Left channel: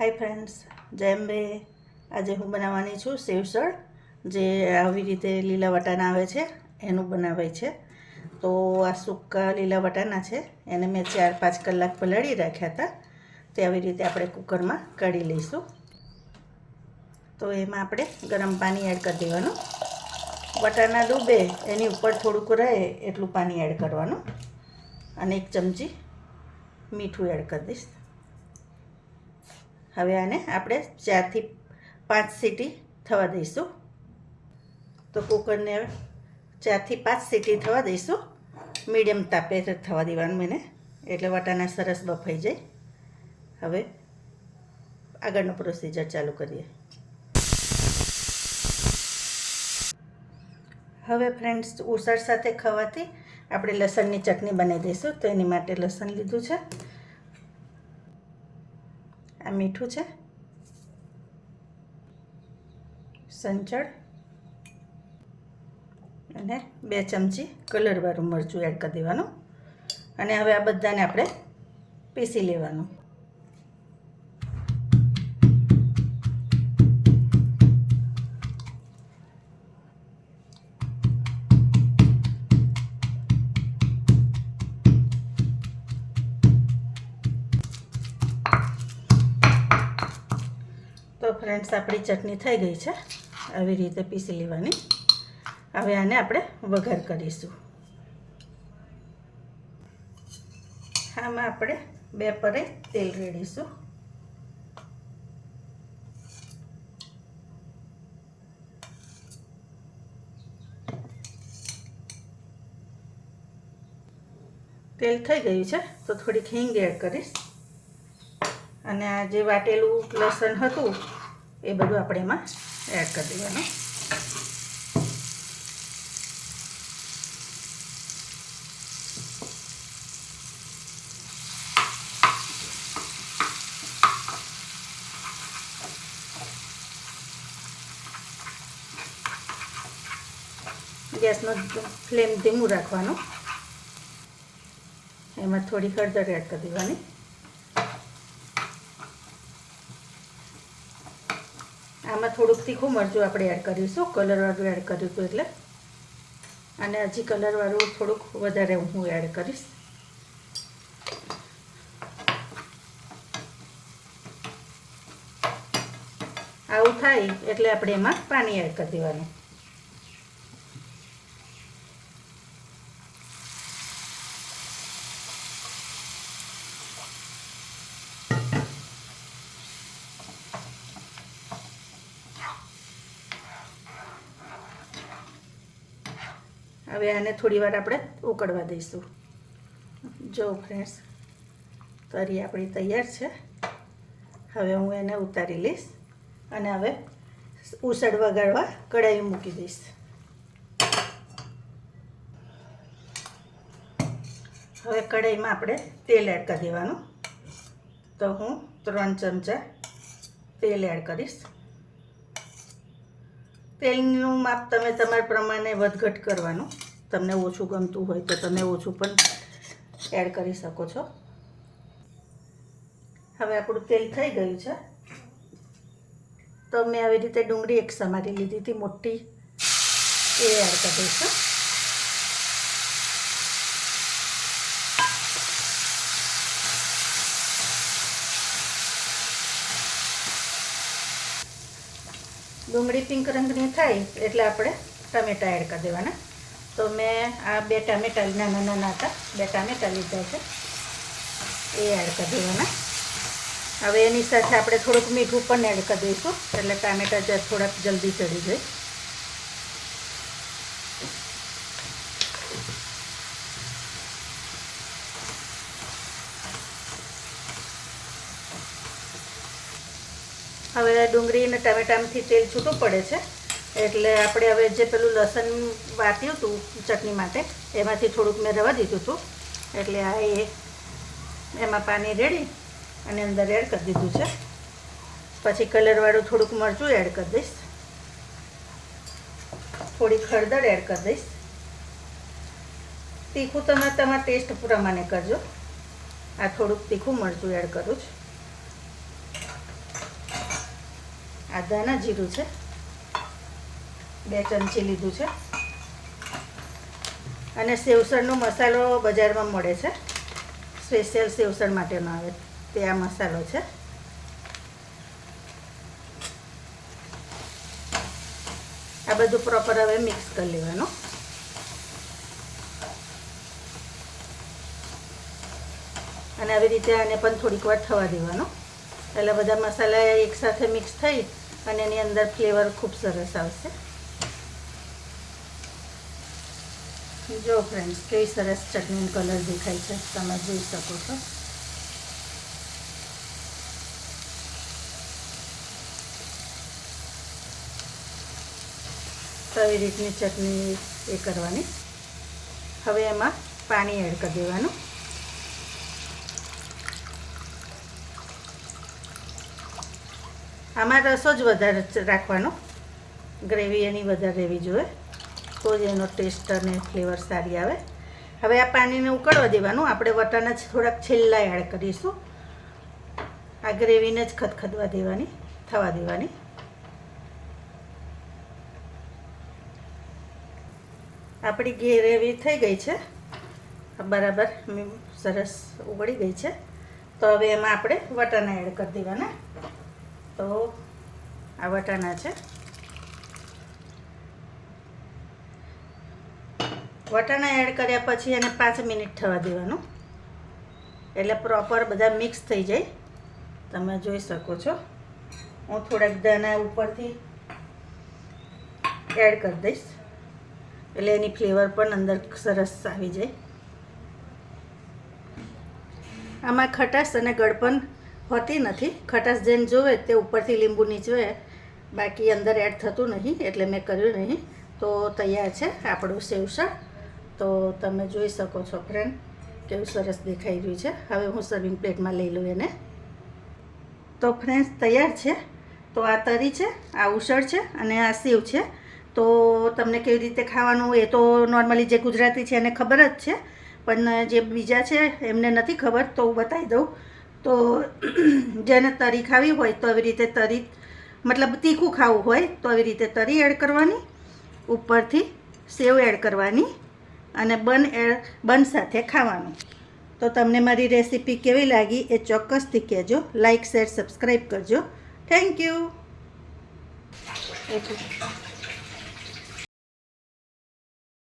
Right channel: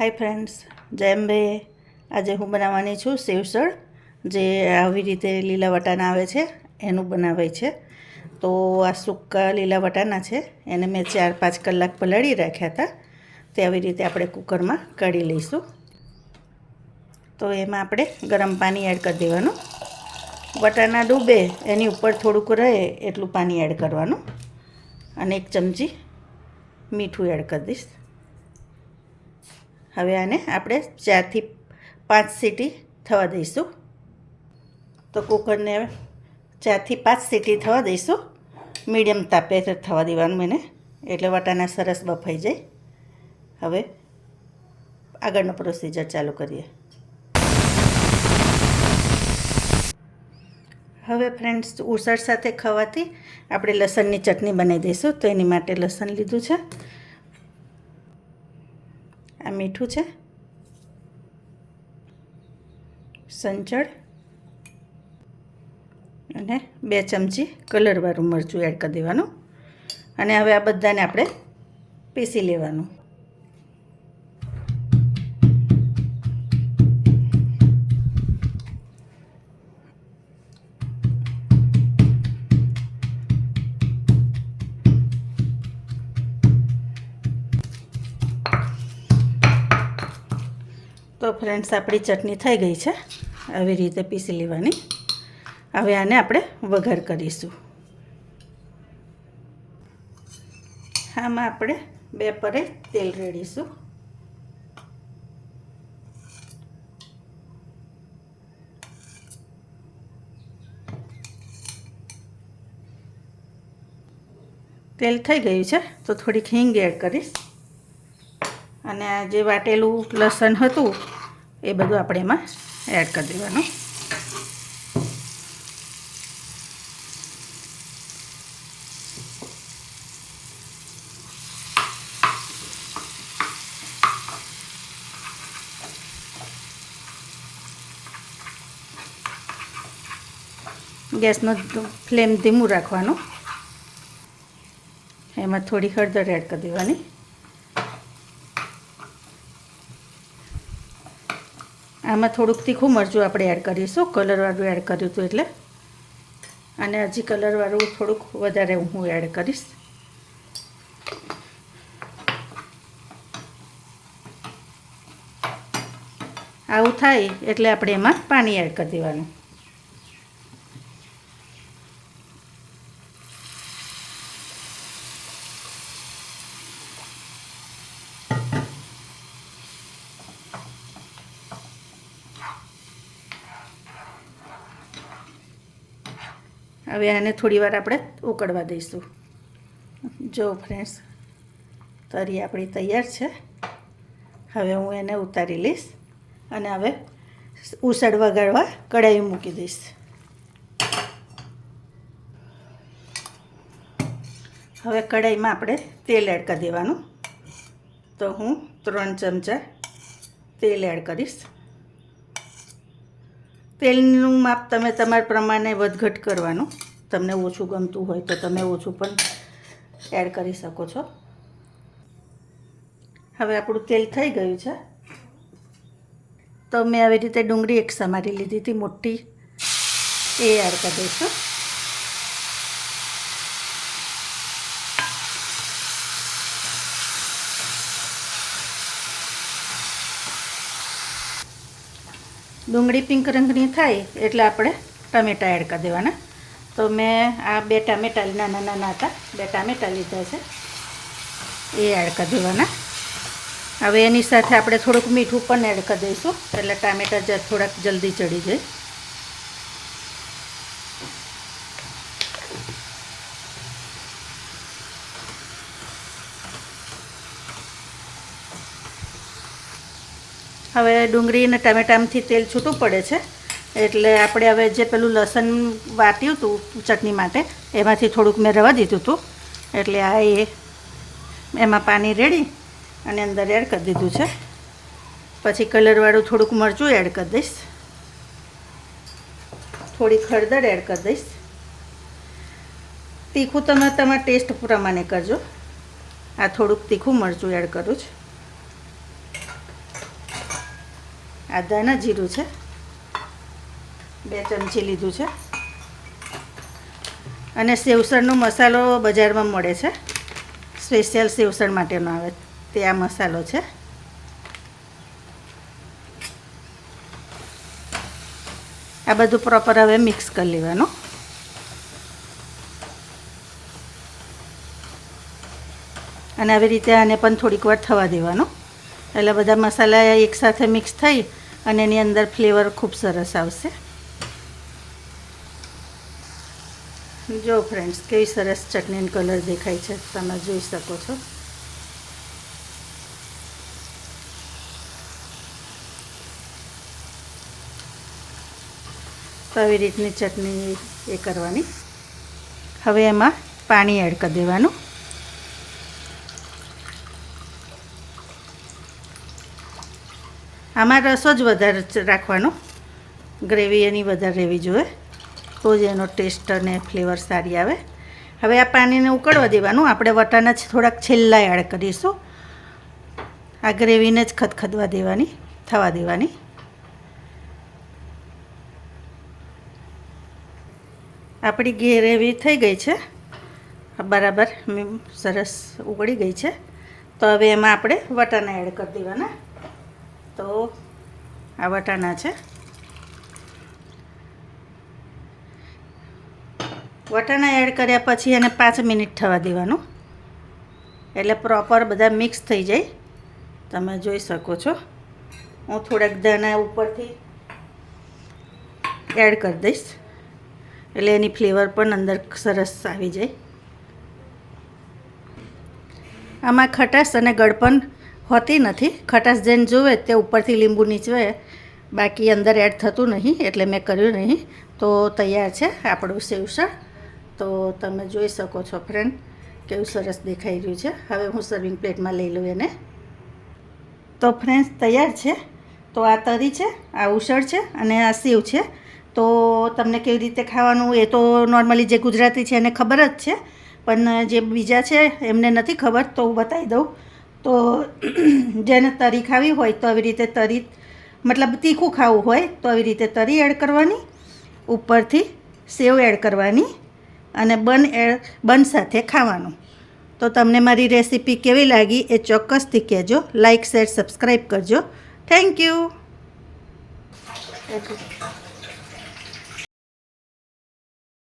Hi friends, જય અંબે. આજે હું બનાવવાની છું સેવસળ, જે આવી રીતે લીલા વટાણા આવે છે એનું બનાવાય છે. તો આ સૂકા લીલા વટાણા છે, એને મેં 4-5 કલાક પલાળી રાખ્યા હતા. તે આવી રીતે આપણે કુકરમાં કાઢી લઈશું. તો એમાં આપણે ગરમ પાણી એડ કરી દેવાનું. વટાણા ડૂબે એની ઉપર થોડુંક રહે એટલું પાણી એડ કરવાનું, અને 1 ચમચી મીઠું એડ કરી દઈશ. હવે આને આપણે 4 થી 5 સીટી થવા દઈશું. તો કુકરને 4 થી 5 સીટી થવા દઈશું. મીડિયમ તાપે થવા દેવાનું એને, એટલે વટાણા સરસ બફાઈ જાય. હવે આગળનો પ્રોસીજર ચાલુ કરીએ. હવે ફ્રેન્ડ્સ, ઉસળ સાથે ખાવાથી આપણે લસણની ચટણી બનાવી દઈશું. તો એની માટે લસણ લીધું છે, આ મીઠું છે, સંચળ અને 2 ચમચી કલરવાળું મરચું એડ કરી દેવાનું. અને હવે આ બધાને આપણે પીસી લેવાનું. તો ફ્રેન્ડ્સ, આપણી ચટણી થઈ ગઈ છે. આવી રીતે પીસી લેવાની. હવે આને આપણે વઘાર કરીશું. આમાં આપણે 2 પરે તેલ રેડીશું. તેલ થઈ ગયું છે તો થોડીક હિંગ એડ કરીશ. અને આ જે વાટેલું લસણ હતું એ બધું આપણે એમાં એડ કરી દેવાનું. ગેસનો ફ્લેમ ધીમું રાખવાનું. એમાં થોડી હળદર એડ કરી દેવાની. આમાં થોડુંક તીખું મરચું આપણે એડ કરીશું, કલરવાળું એડ કર્યું હતું એટલે. અને હજી કલરવાળું થોડુંક વધારે હું એડ કરીશ. આવું થાય એટલે આપણે એમાં પાણી એડ કરી દેવાનું. હવે આને થોડી વાર આપણે ઉકળવા દઈશું. જો ફ્રેન્ડ્સ, તરી આપણી તૈયાર છે. હવે હું એને ઉતારી લઈશ અને હવે ઉસળ વઘારવા કઢાઈ મૂકી દઈશ. હવે કઢાઈમાં આપણે તેલ એડ કરી દેવાનું. તો હું 3 ચમચા તેલ એડ કરીશ. તેલનું માપ તમે તમારા પ્રમાણે વધઘટ કરવાનું. તમને ઓછું ગમતું હોય તો તમે ઓછું પણ એડ કરી શકો છો. હવે આપણું તેલ થઈ ગયું છે. તો મેં આવી રીતે ડુંગળી એક સમારી લીધી હતી મોટી, એ એડ કરી દઈશું. ડુંગળી પિંક રંગની થાય એટલે આપણે ટામેટાં એડ કરી દેવાના. તો મેં આ 2 ટામેટાં નાના નાના હતા, 2 ટામેટાં લીધા છે, એ એડ કરી દેવાના. હવે એની સાથે આપણે થોડુંક મીઠું પણ એડ કરી દઈશું, એટલે ટામેટાં થોડાક જલ્દી ચડી જાય. હવે ડુંગળી અને ટામેટામાંથી તેલ છૂટું પડે છે, એટલે આપણે હવે જે પેલું લસણ વાટ્યું હતું ચટણી માટે, એમાંથી થોડુંક મેં રવા દીધું હતું. એટલે આ એમાં પાણી રેડી અને અંદર એડ કરી દીધું છે. પછી કલરવાળું થોડુંક મરચું એડ કરી દઈશ, થોડીક હળદર એડ કરી દઈશ. તીખું તમે તમારા ટેસ્ટ પ્રમાણે કરજો. આ થોડુંક તીખું મરચું એડ કરું છું. આ ધાણા જીરું છે, 2 ચમચી લીધું છે. અને સેવસળનો મસાલો બજારમાં મળે છે, સ્પેશિયલ સેવસળ માટેનો આવે તે આ મસાલો છે. આ બધું પ્રોપર હવે મિક્સ કરી લેવાનું. અને આવી રીતે આને પણ થોડીક વાર થવા દેવાનો, એટલે બધા મસાલા એકસાથે મિક્સ થઈ અને એની અંદર ફ્લેવર ખૂબ સરસ આવશે. જો ફ્રેન્ડ્સ, કેવી સરસ ચટણીનો કલર દેખાય છે, તમે જોઈ શકો છો. તો આવી રીતની ચટણી એ કરવાની. હવે એમાં પાણી એડ કરી દેવાનું. આમાં રસો જ વધારે રાખવાનો, ગ્રેવી એની વધારે રહેવી જોઈએ, તો જ એનો ટેસ્ટ અને ફ્લેવર સારી આવે. હવે આ પાણીને ઉકળવા દેવાનું. આપણે વટાણા થોડાક છેલ્લા એડ કરીશું. આ ગ્રેવીને જ ખદખદવા દેવાની, થવા દેવાની. આપણી ગ્રેવી થઈ ગઈ છે, બરાબર સરસ ઉકળી ગઈ છે. તો હવે એમાં આપણે વટાણા એડ કરી દેવાના. તો આ વટાણા છે. વટાણા એડ કર્યા પછી એને 5 મિનિટ થવા દેવાનું, એટલે પ્રોપર બધા મિક્સ થઈ જાય. તમે જોઈ શકો છો. હું થોડાક દાણા ઉપરથી એડ કરી દઈશ, એટલે એની ફ્લેવર પણ અંદર સરસ આવી જાય. આમાં ખટાશ અને ગળપણ હોતી નથી. ખટાશ જેને જોવે તે ઉપરથી લીંબુ નીચવે, બાકી અંદર એડ થતું નહીં, એટલે મેં કર્યું નહીં. તો તૈયાર છે આપણું સેવસળ. તો તમે જોઈ શકો છો ફ્રેન્ડ, કેવું સરસ દેખાઈ રહ્યું છે. હવે હું સર્વિંગ પ્લેટમાં લઈ લઉં એને. તો ફ્રેન્ડ્સ, તૈયાર છે. તો આ તરી છે, આ ઉસળ છે અને આ સેવ છે. તો તમને કેવી રીતે ખાવાનું એ તો નોર્મલી જે ગુજરાતી છે એને ખબર જ છે, પણ જે બીજા છે એમને નથી ખબર, તો હું બતાવી દઉં. તો જેને તરી ખાવી હોય તો આવી રીતે તરી, મતલબ તીખું ખાવું હોય તો આવી રીતે તરી એડ કરવાની, ઉપરથી સેવ એડ કરવાની અને બન સાથે ખાવાનું. તો તમને મારી રેસીપી કેવી લાગી એ ચોક્કસથી કહેજો. લાઇક, શેર, સબસ્ક્રાઈબ કરજો. Thank you.